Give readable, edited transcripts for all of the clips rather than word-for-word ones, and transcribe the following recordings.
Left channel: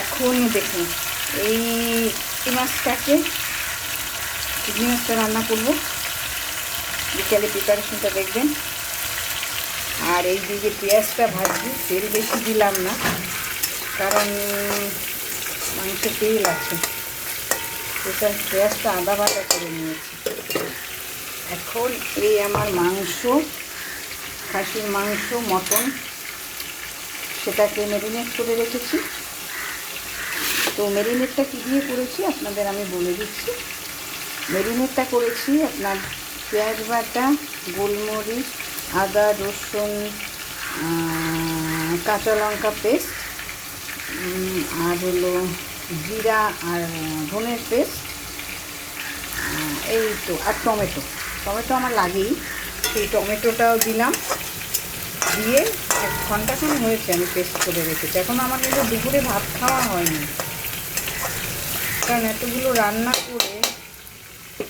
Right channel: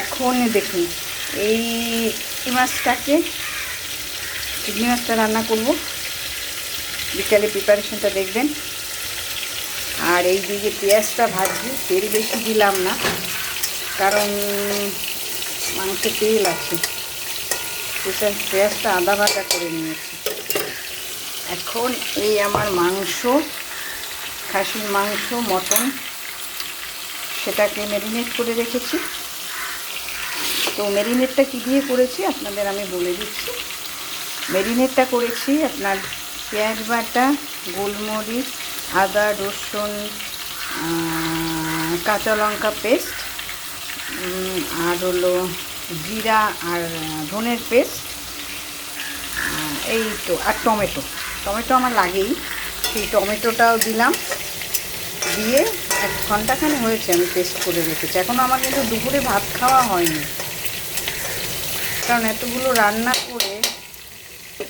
এখন দেখুন এই মাছটাকে, চিংড়ি মাছটা রান্না করব। বিকালে প্রিপারেশনটা দেখবেন। আর এই দিকে পেঁয়াজটা ভাজছি, তেল বেশি দিলাম না, কারণ মাংসে তেল আছে। পেঁয়াজটা আদা বাটা করে নিয়েছি। এখন এই আমার মাংস, খাসির মাংস, মটন, সেটাকে ম্যারিনেট করে রেখেছি। তো ম্যারিনেটটা কী দিয়ে করেছি আপনাদের আমি বলে দিচ্ছি। ম্যারিনেটটা করেছি আপনার পেঁয়াজ বাটা, গোলমরিচ, আদা, রসুন, কাঁচা লঙ্কা পেস্ট, আর হলো জিরা আর ধনের পেস্ট, এই তো, আর টমেটো আমার লাগেই, সেই টমেটোটাও দিলাম। দিয়ে 1 ঘন্টাখানি হয়েছে আমি পেস্ট করে রেখেছি। এখন আমার কিন্তু দুপুরে ভাত খাওয়া হয়নি, কারণ এতগুলো রান্না করে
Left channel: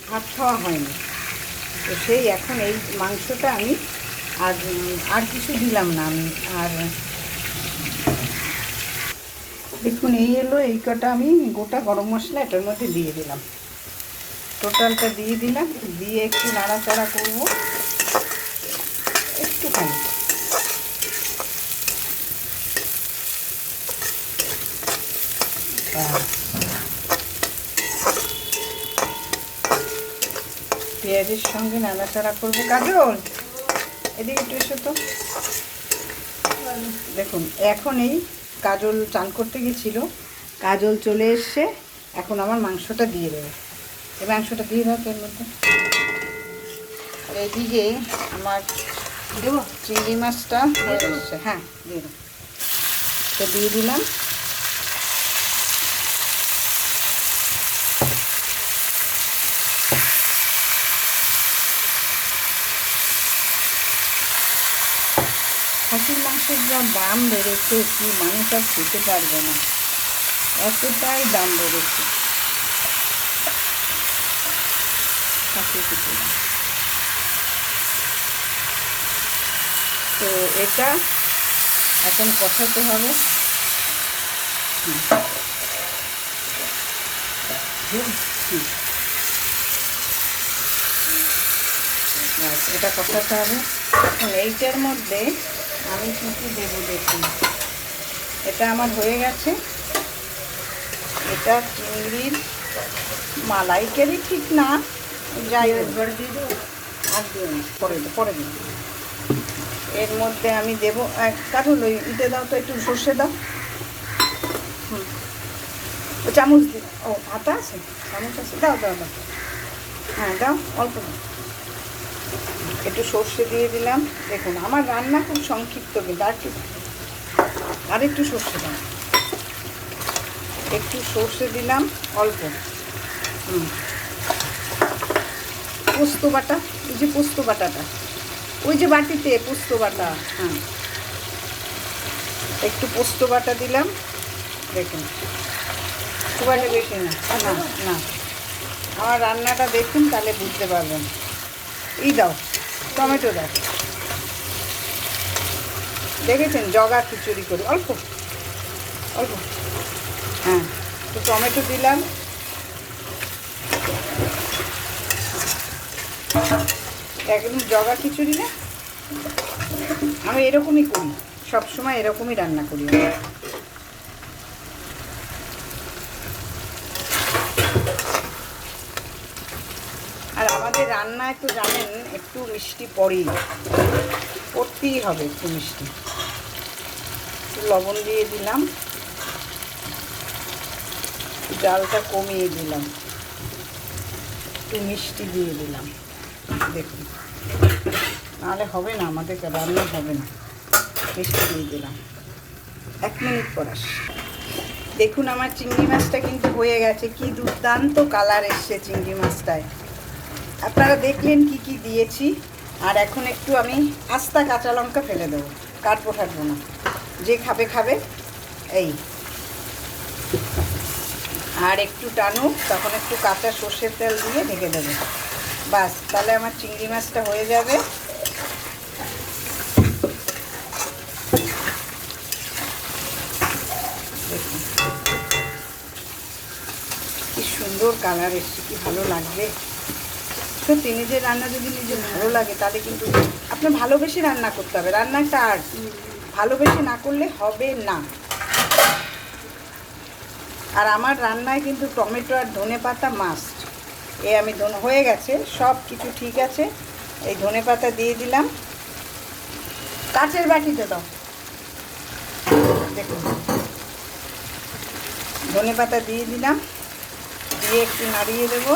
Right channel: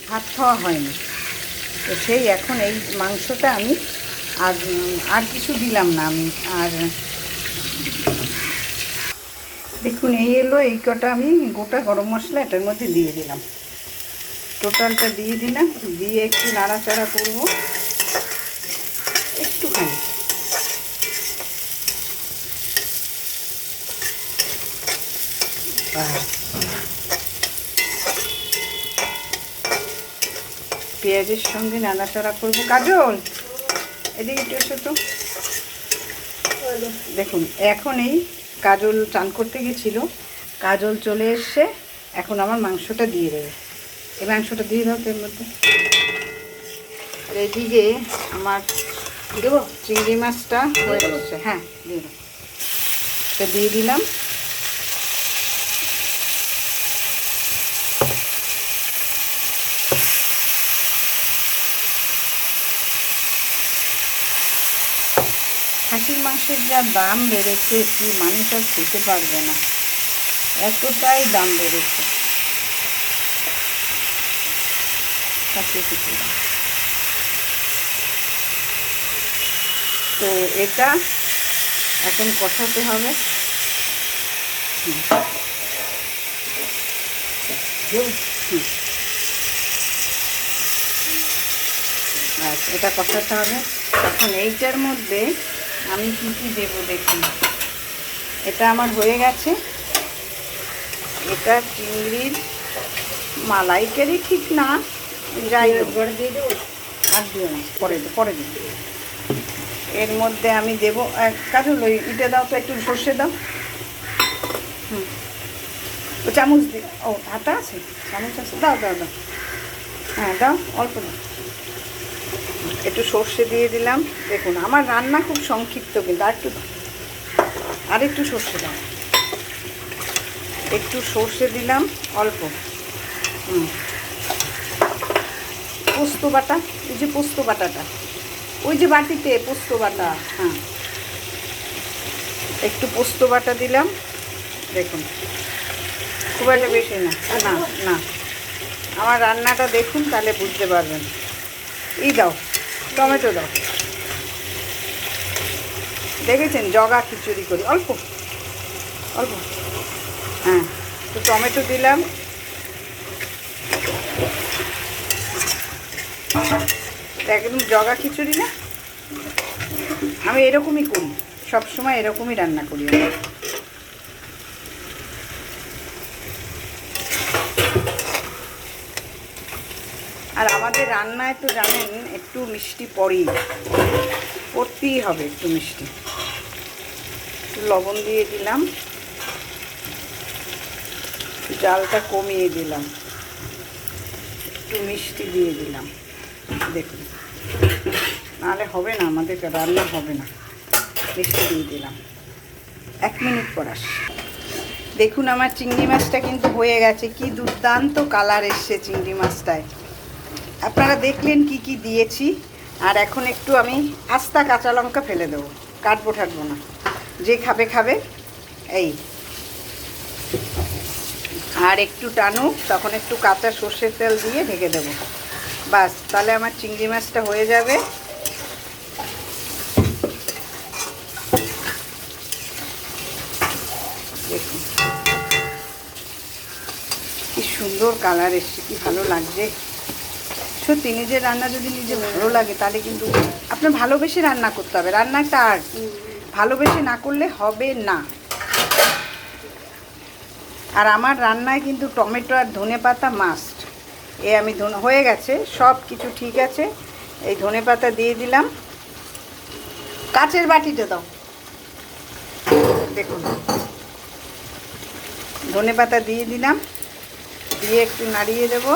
ভাত খাওয়া হয়নি। তো সেই এখন এই মাংসটা আমি আর কিছু দিলাম না আমি। আর দেখুন এই এলো, এই কটা আমি গোটা গরম মশলা এটার মধ্যে দিয়ে দিলাম, টোটালটা দিয়ে দিলাম। দিয়ে একটু নাড়াচাড়া করব একটুখানি। পেঁয়াজের সঙ্গে নাড়াচাড়া করবো। কাজল এদিকে একটু এসো তো। দেখুন এখন এই কাজল চান করতে গেছিলো, কাজল চলে এসছে। এখন আমার মাংসটা দিয়ে দেবে। এই মাংসটা দিয়ে দাও এর মধ্যে। আর এদিকে আমার দেবো চিংড়ি মাছটা হয়ে এসছে। হ্যাঁ দিয়ে দাও, এটা দিয়ে দিলাম। খাসির মাংসের যা দাম বেড়েছে, কি মানুষ আর খেতে পারবে না, এতটাই দাম বেড়েছে খাসির কিছু। তো এটা এখন কষাতে হবে। এটা কষাতে হবে। এখন এইটার মধ্যে আমি কী কী দেবো দেখুন। এটা আমার হয়ে গেছে। এটা চিংড়ির মালাইকারি ঠিক না, যাই হোক দিয়ে দেবো। আর দিও না, পরে দিও। এর মধ্যে আমি দেবো কাজল ওই ইটে দাও তো, একটু সর্ষে দাও। ও চামচ দিও। ও আটা আছে, চামচ আছে, দাও দাও দাও। হ্যাঁ দাও, অল্প দাও। একটু সর্ষে দিয়ে দিলাম। দেখুন আমার রান্না খুব সংক্ষিপ্ত, কিন্তু আর একটু সর্ষে দাও। একটু সর্ষে দিলাম অল্প। পোস্ত বাটা, ওই যে পোস্ত বাটাটা, ওই যে বাটিতে পোস্ত বাটা, হ্যাঁ একটু পোস্ত বাটা দিলাম। দেখুন খুব একটা বেশি না, না না, আমার রান্নাটা দেখুন তাহলে বুঝতে পারবেন। দাও টমেটো দাও, দেখেছেন জগা খিচুড়ি করি, অল্প অল্প। হ্যাঁ তো টমেটো দিলাম। একদম জগা খিচুড়ি না, আমি এরকমই করি, সবসময় এরকমই রান্না করি। আর আমাদের রান্না একটু জানেন, একটু মিষ্টি পড়তেই হবে, একটু মিষ্টি। একটু লবণ দিয়ে দিলাম, জালটা কমিয়ে দিলাম, একটু মিষ্টি দিয়ে দিলাম। দেখুন নাহলে হবে না, আমাদের রান্না হবে না। মিষ্টি দিয়ে দিলাম। 1 মিনিট পর আসছি। দেখুন আমার চিংড়ি মাছটা কিন্তু হয়ে গেছে। কি দুর্দান্ত কালার এসছে চিংড়ি মাছটায়। আপনারা দেখলেন কি কি দিয়েছি। আর এখন একটু আমি আস্তা কাঁচা লঙ্কা ফেলে দেবো, কাটবো না, যে খাবে খাবে। এই আর একটু টানুক, তখন একটু কাঁচা সর্ষের তেল দিয়ে ঢেকে দেবো। বাস, তাহলে আমার চিংড়ি মাছটা হয়ে যাবে। দেখুন কি সুন্দর কালার এসছে, কি ভালো লাগছে। সত্যি নিজের রান্না যদি নিজে ভালো লাগে তাহলে কিন্তু আপনার ভালোবেসে রান্না করতে হবে। রান্না একটা আর্ট, ভালোবেসে না করলে হবে না। আর আমার রান্নায় কিন্তু টমেটো আর ধনেপাতা মাস্ট। আমি হয়ে গেছে, সব কিছু ঠিক আছে। এই ধনেপাতা দিয়ে দিলাম, কাচের বাটিতে দাও। দেখুন ধনেপাতা দিয়ে দিলাম, দিয়ে একটু নাড়িয়ে দেবো।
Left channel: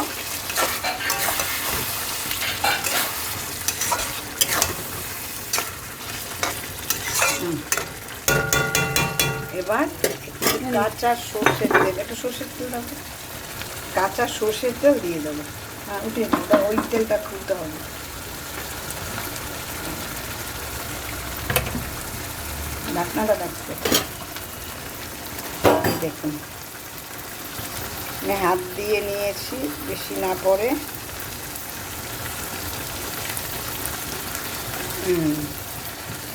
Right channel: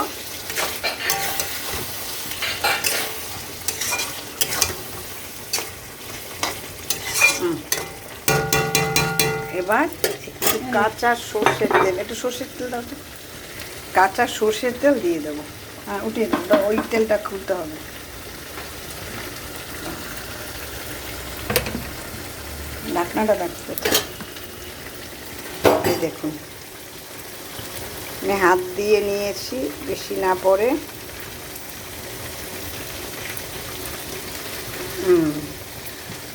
এবার একটু কাঁচা সর্ষের তেল, একটু সর্ষের তেল দাও, কাঁচা সর্ষের তেল দিয়ে দেবো। হ্যাঁ উঠিয়ে দেবো, ওই তেলটা খুলতে হবে। ঢাকনাটা রাখতে দেখুন, আমি হাত দিয়ে নিয়েছি, বেশি না পড়ে।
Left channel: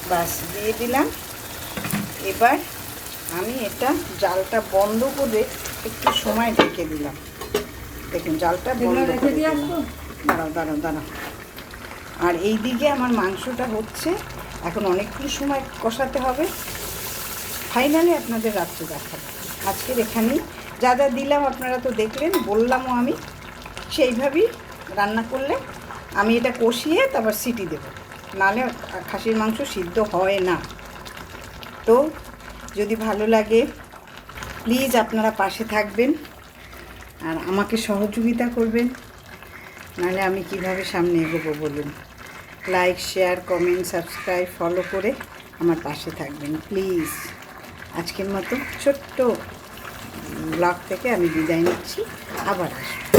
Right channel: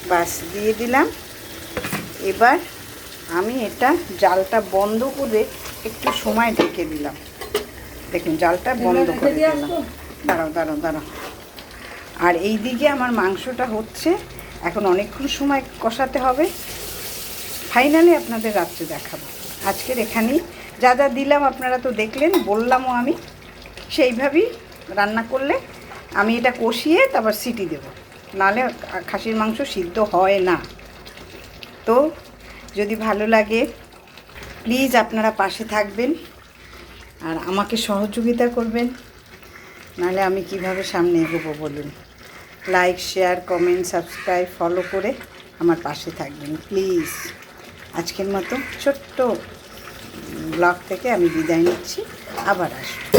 বাস দিয়ে দিলাম। এবার আমি এটা জালটা বন্ধ করে একটু সময় ঢেকে দিলাম। দেখুন জালটা বন্ধ করে দিলাম। দাঁড়াও দাঁড়াও দাঁড়াও। আর এই দিকে আমার মাংসটা হচ্ছে, এখন অনেকক্ষণ সময় কষাতে হবে। ফাইনালি আপনাদের রাত্রে দেখাবো। আজকের এখানেই যা যা দিলাম আপনারা তো দেখলেন, বললামও আমি। সেইভাবেই রান্না করলে আমি এটা কষিয়ে তারপর সিটি দেবো, নাহলে খাসির মাংস সিদ্ধ হয় না। তো যদি ভালো লাগে প্লিজ আপনারা পাশে থাকবেন আর আমাকে সহযোগিতা করবেন, নাহলে আমি কিভাবে সামনে এগোবো বলুন। Like, share, comment, subscribe, follow করে আমার পাশে থাকবেন প্লিজ। আজকের মতো ছোট্ট ব্লগ থেকে আমি বিদায় নিচ্ছি, আবার আসবো।